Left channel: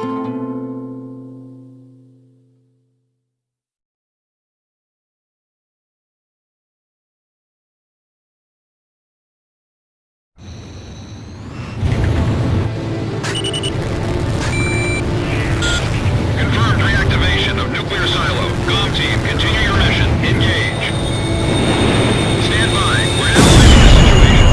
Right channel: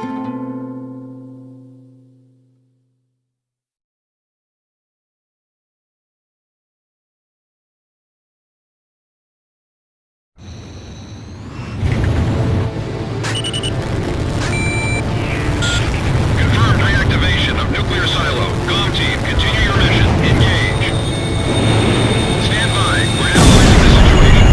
Confirmed reactivation of nuclear silo. COM team, continue your mission. Engage. Stand by. We're analyzing the situation.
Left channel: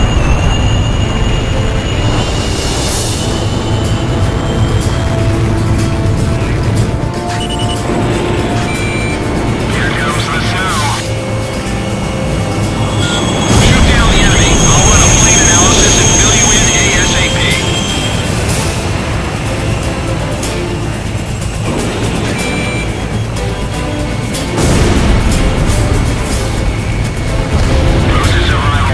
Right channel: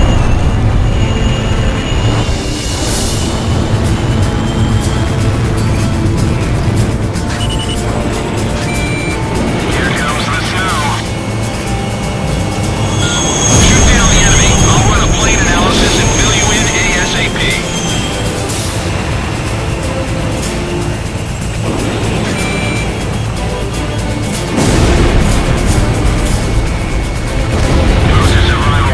Here comes the snow. Shoot down the enemy. I'll run a plane analysis and fill you in ASAP. Forces arrival.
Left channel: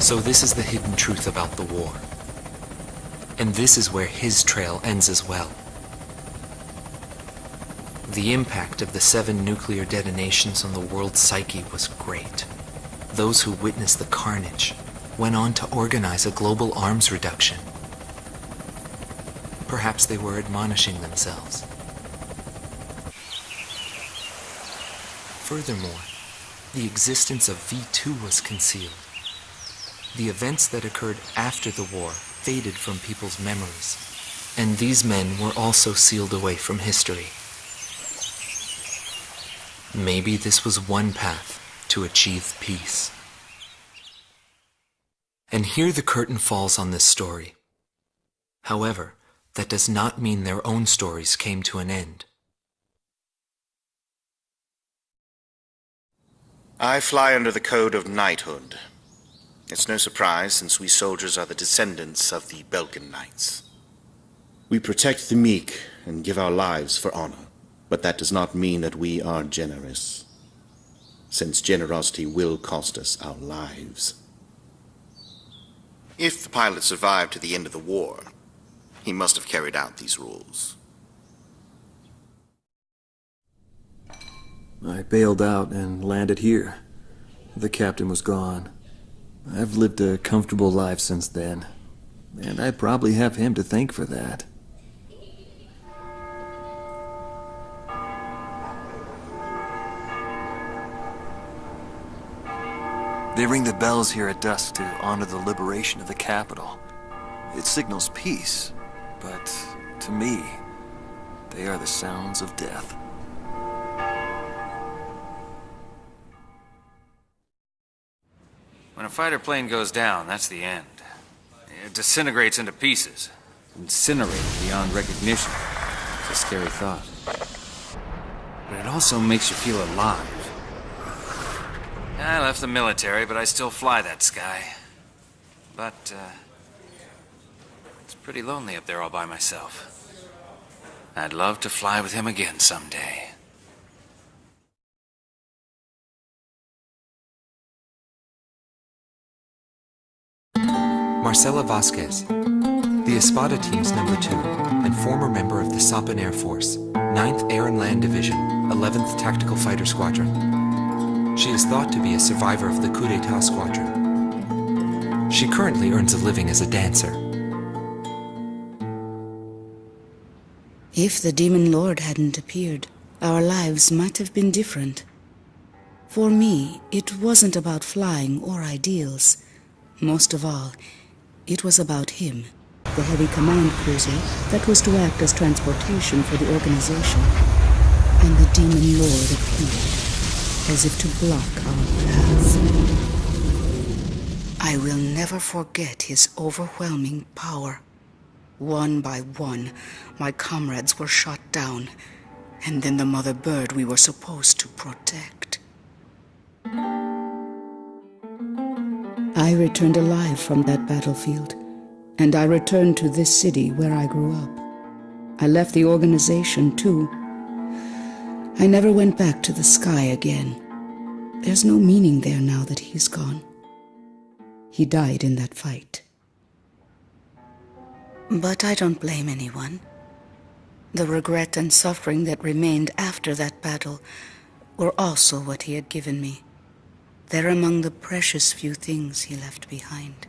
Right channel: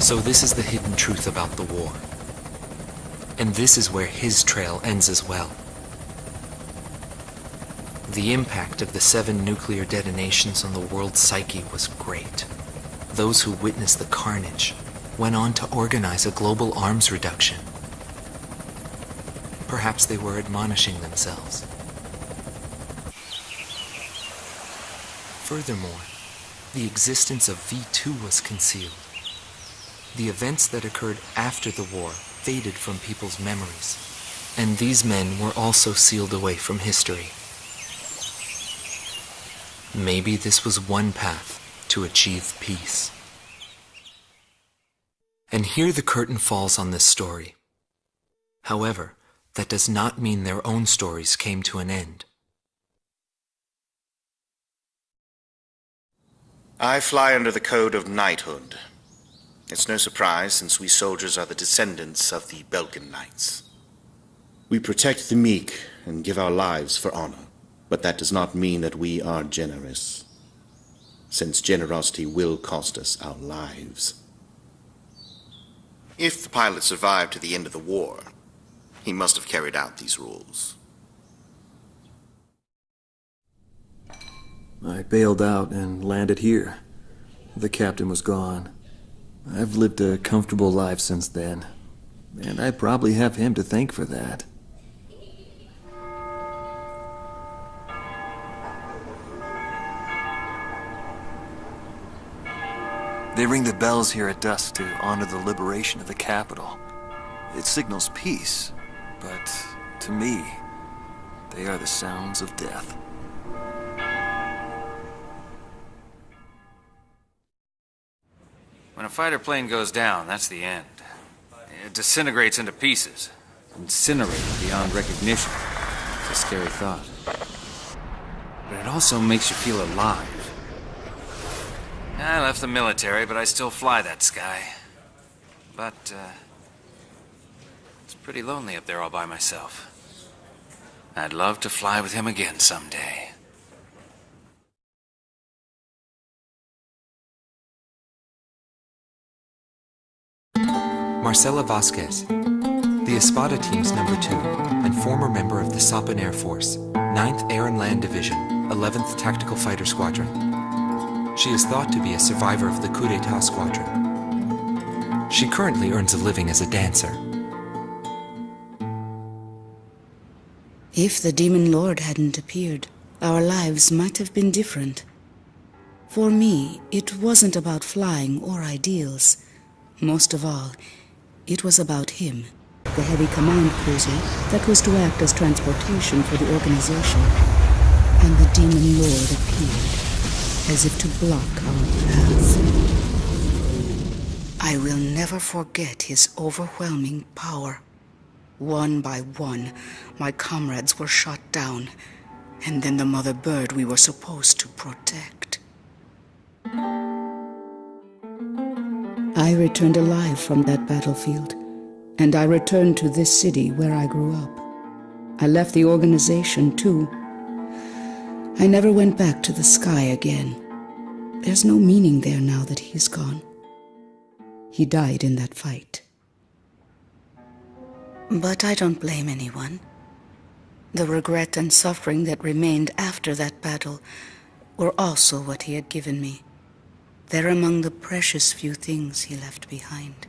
So this is the hidden truth about the war. And this is where his trail ends as well. The impact of the 7 nuclear detonations on the world's psyche was great. Those who witnessed the carnage went on to organize a global arms reduction. Perhaps they were admonishing themselves. Furthermore, the existence of V2 was concealed. The events that occurred after the war faded from people's memories, and these men were also sealed away from history. Maybe this was one path to achieve peace. And here the curtain falls on this story. However, that does not mean their own stories came to an end. I fly under the code of knighthood. It's no surprise, since we soldiers are the descendants of the Belkan Knights. We protect the meek and give our lives for honor, but that does not mean that we are generous, since generosity will cost us our lives. If the pilot survived to the end of the war, he must have carried out these rules. I bailed out and landed here. The captain was gone. I've lived a comfortable life since then, and I probably have him to thank for that. They ring the bells here at dusk to honor the liberation of the capital. It signals peace, but to me, they are the sounds of death. When a fighter plane goes down, that's the end. It disintegrates into pieces. Incinerated beyond recognition. It's a scary thought. But it also makes you feel alive. I left the military, but I still fly that sky. But, it's pretty lonely up there all by myself. I'd love to fly with him again someday. Marcela Vasquez, the Espada team's number 2 and former member of the Sapan Air Force, 9th Air and Land Division, 11th Tactical Fighter Squadron. She is thought to be a survivor of the coup d'etat squadron. She currently earns a living as a dancer. If the Demon Lord hadn't appeared, our lives might have been different. For me, it wasn't about flying or ideals. Most of all, it was about him, the heavy command cruiser that was to act as transportation for the organization. And the Demon Lord appeared, as if to block our path. I will never forget his overwhelming power. One by one, my comrades were shot down, and then the mother bird we were supposed to protect. I returned alive from that battlefield, and I returned to this city where I grew up. I left the organization, too. I never went back to the sky again. There's no meaning there now that he's gone. He died in that fight. But I don't blame anyone. The regret and suffering that remained after that battle were also what he had given me. They're among the precious few things he left behind.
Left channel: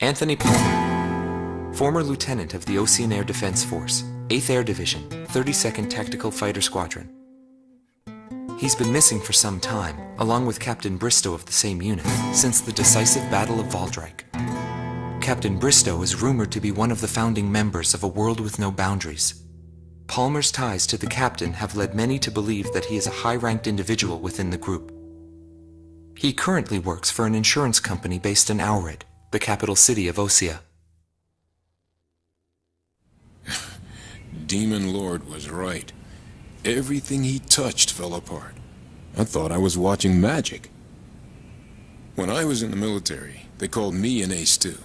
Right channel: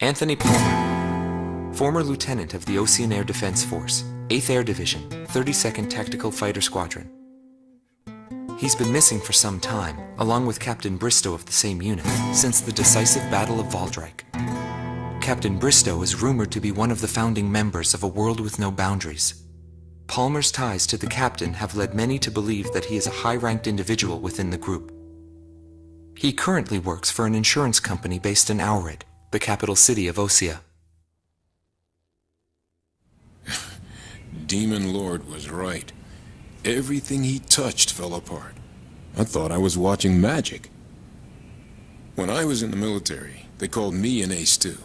Anthony Palmer, former lieutenant of the Ocean Air Defense Force, 8th Air Division, 32nd Tactical Fighter Squadron. He's been missing for some time, along with Captain Bristow of the same unit, since the decisive Battle of Valdreich. Captain Bristow is rumored to be one of the founding members of A World with No Boundaries. Palmer's ties to the captain have led many to believe that he is a high-ranked individual within the group. He currently works for an insurance company based in Aurid, the capital city of Osea. Demon Lord was right. Everything he touched fell apart. I thought I was watching magic. When I was in the military, they called me an ace too.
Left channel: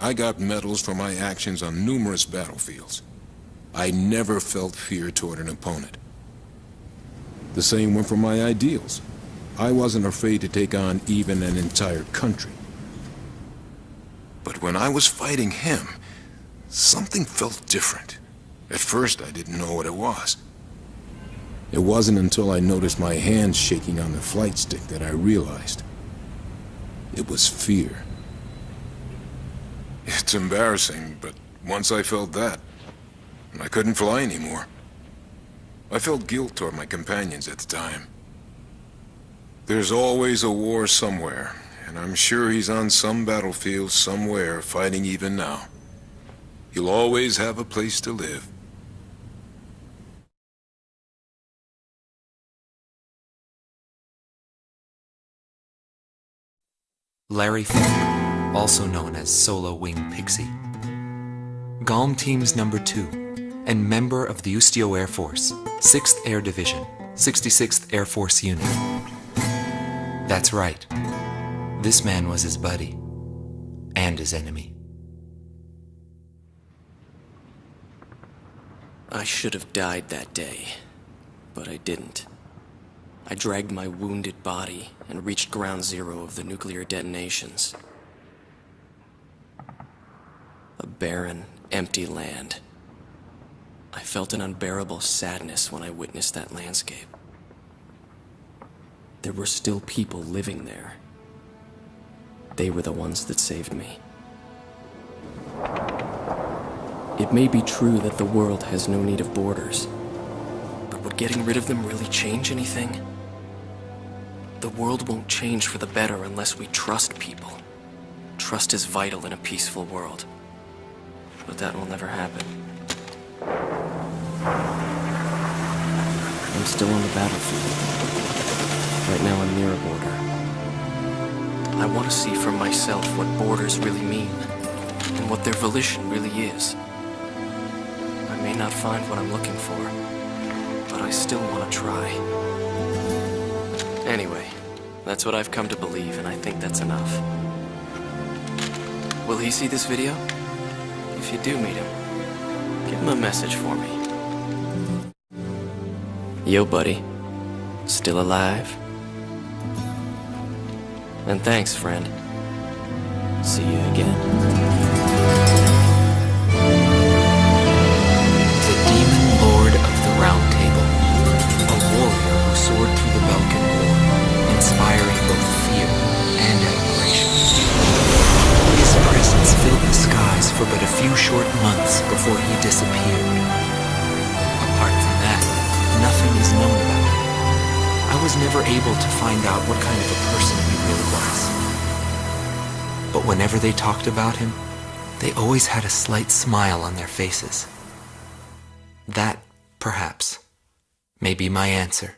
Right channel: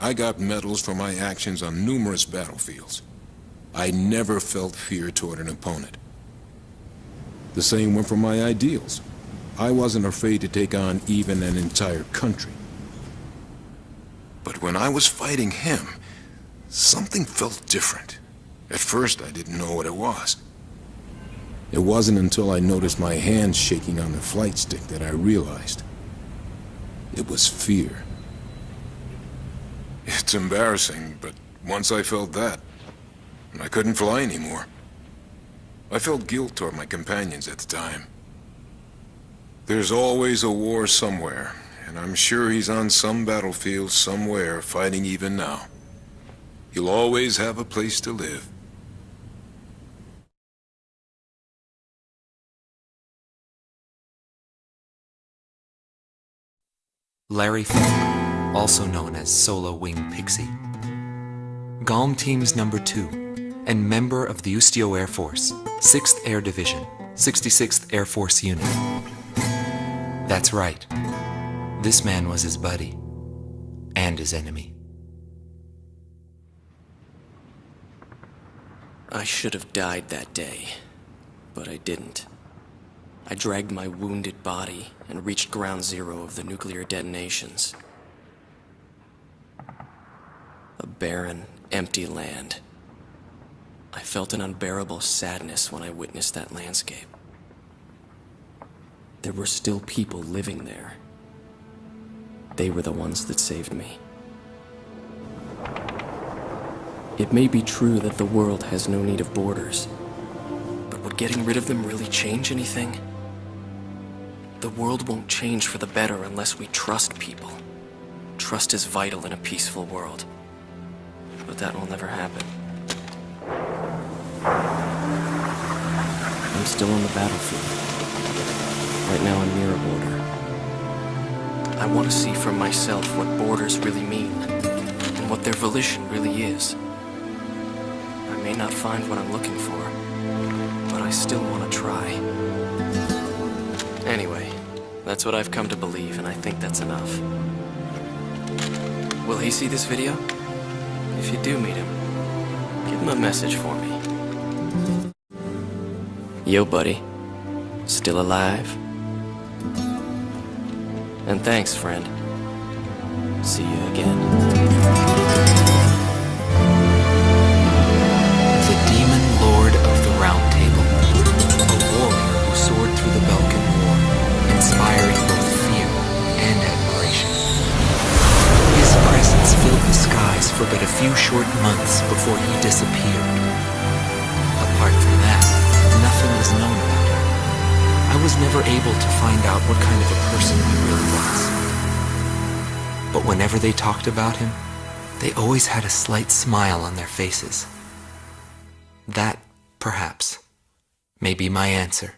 I got medals for my actions on numerous battlefields. I never felt fear toward an opponent. The same went for my ideals. I wasn't afraid to take on even an entire country. But when I was fighting him, something felt different. At first, I didn't know what it was. It wasn't until I noticed my hands shaking on the flight stick that I realized. It was fear. It's embarrassing, but once I felt that, I couldn't fly anymore. I felt guilt toward my companions at the time. There's always a war somewhere, and I'm sure he's on some battlefield somewhere fighting even now. He'll always have a place to live. Larry Falk, also known as Solo Wing Pixie. GALM Team's number 2, and member of the Ustio Air Force, 6th Air Division, 66th Air Force Unit. That's right. This man was his buddy, and his enemy. I should have died that day, but I didn't. I dragged my wounded body and reached ground zero of the nuclear detonations. A barren, empty land. I felt an unbearable sadness when I witnessed that landscape. There were still people living there. They were the ones that saved me. It may be true that the world has no need of borders, but would getting rid of them really change anything? The world won't change for the better unless we trust people. Trust is vital in a peaceful world. But that will never happen. I'm still on the battlefield. Right now I'm near a border. I want to see for myself what borders really mean, and what their volition really is. I may not find what I'm looking for, but I still want to try. Anyway, that's what I've come to believe, and I think that's enough. Will he see this video? If you do meet him, give him a message for me. Yo, buddy. Still alive? And thanks, friend. See you again. The Demon Lord of the Round Table. A warrior who soared through the Balkan War, inspiring both fear and admiration. His presence filled the skies for but a few short months before he disappeared. Apart from that, nothing is known about him. I was never able to find out what kind of a person he really was. But whenever they talked about him, they always had a slight smile on their faces. That, perhaps, may be my answer.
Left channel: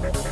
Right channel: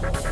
Copy.